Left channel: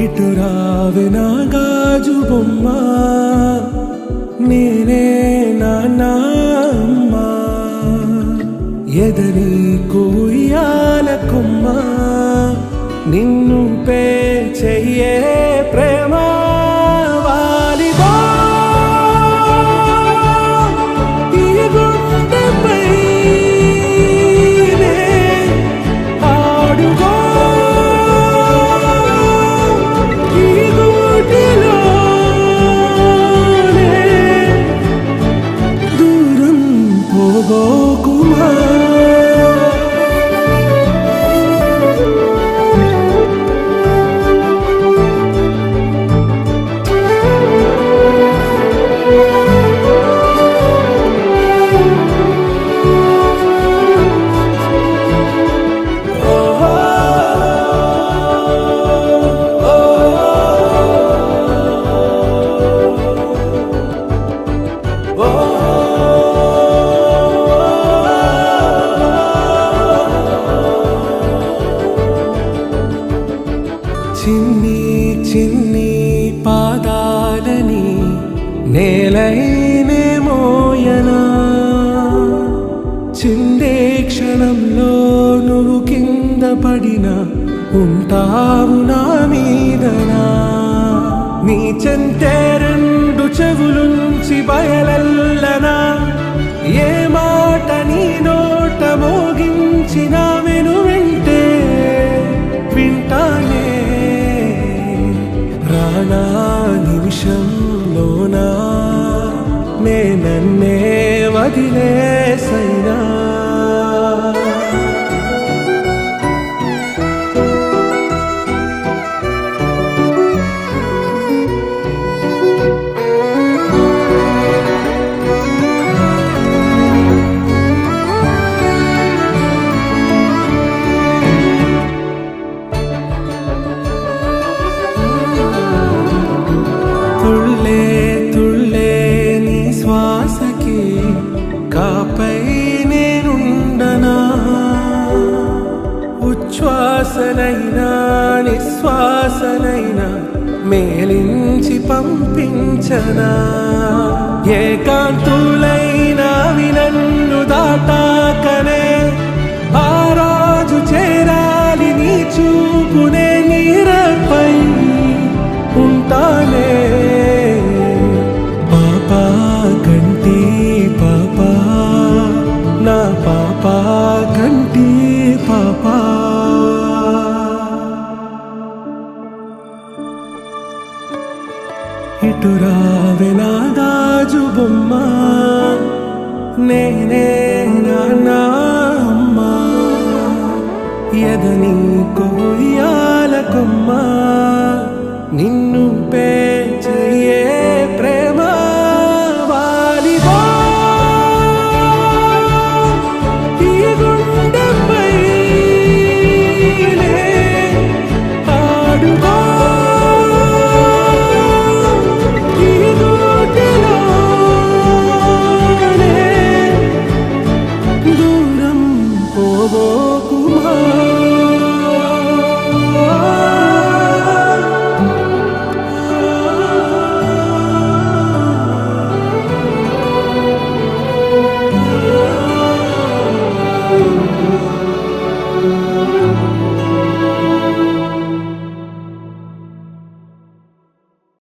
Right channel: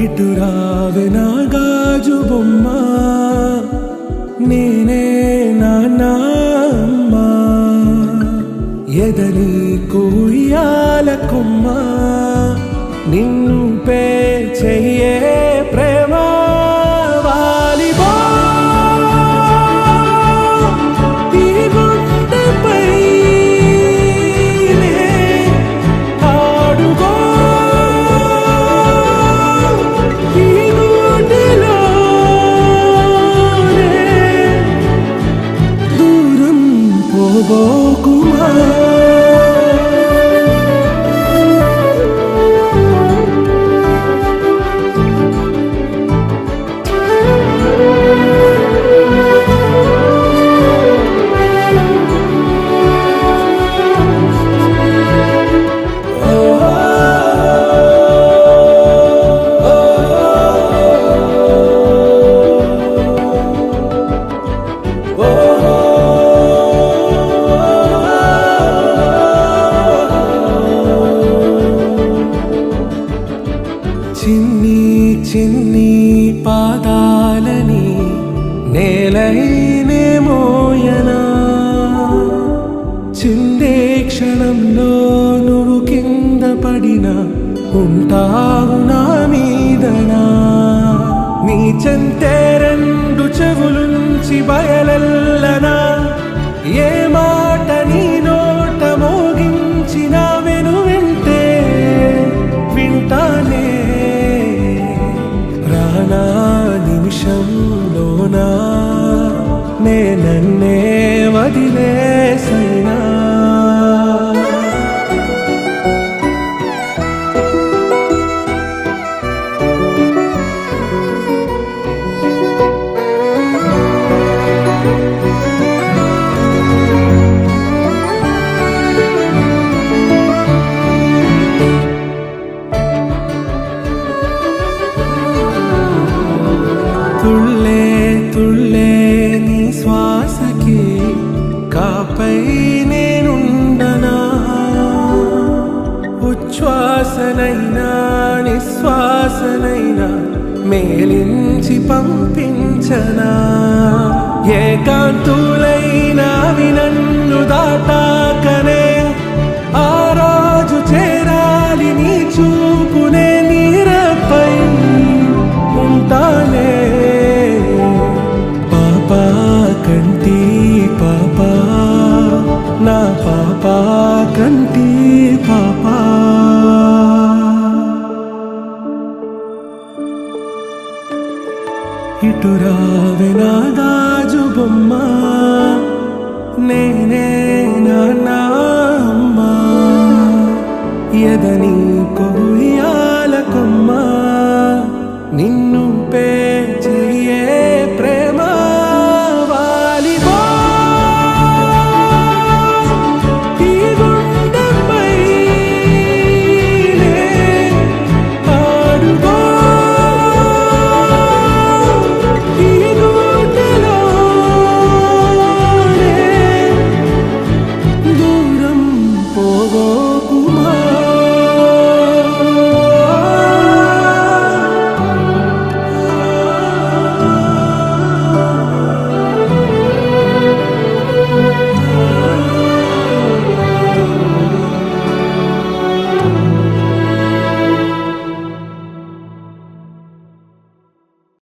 ఇటు రావే నా గాజు బొమ్మ, నేనే నాన్న అమ్మ. ఎదని కొయ్యాల కొమ్మ, నిన్ను పే చెయ్యే ప్రేమ. వాలిబా ఈ గుండెపై నే ఆడుగో, ఈ గూటిలోనే దూరం పోబోకుమా. చిన్ని చిన్ని పాదాలని నేలైనే మోయనా, చిందే క్షణంలో నువ్వు కింద పడినా ఉంటావు నా మీదనా. నీ చెంతే రెండు చెవులుంచి బయలెల్లనా, ఏ మాట నీ నోట మోగించిన వెను వింటే వింటానే. రానా నిమిషంలోనా నే నన్నే వదిలేసైనా. తుళ్ళే తుళ్ళే నీ శ్వాసకి కాపై నేనుండనా, ఉచ్ఛ్వాసనైనా నిశ్వాసనైనా మేలించి పంపించనా. ఏకాంతులైనవి నన్ను దాటాకనే ఆ రోజు చేరాలి నీ చూపునే నీరపై ఉంటానే. పాపా కంటి పాపా, నా పాపా కంటి పాపా. ఇటు రావే నా గాజు బొమ్మ, నేనే నాన్న అమ్మ. ఎదని కొయ్యాల కొమ్మ, నిన్ను పే చెయ్యే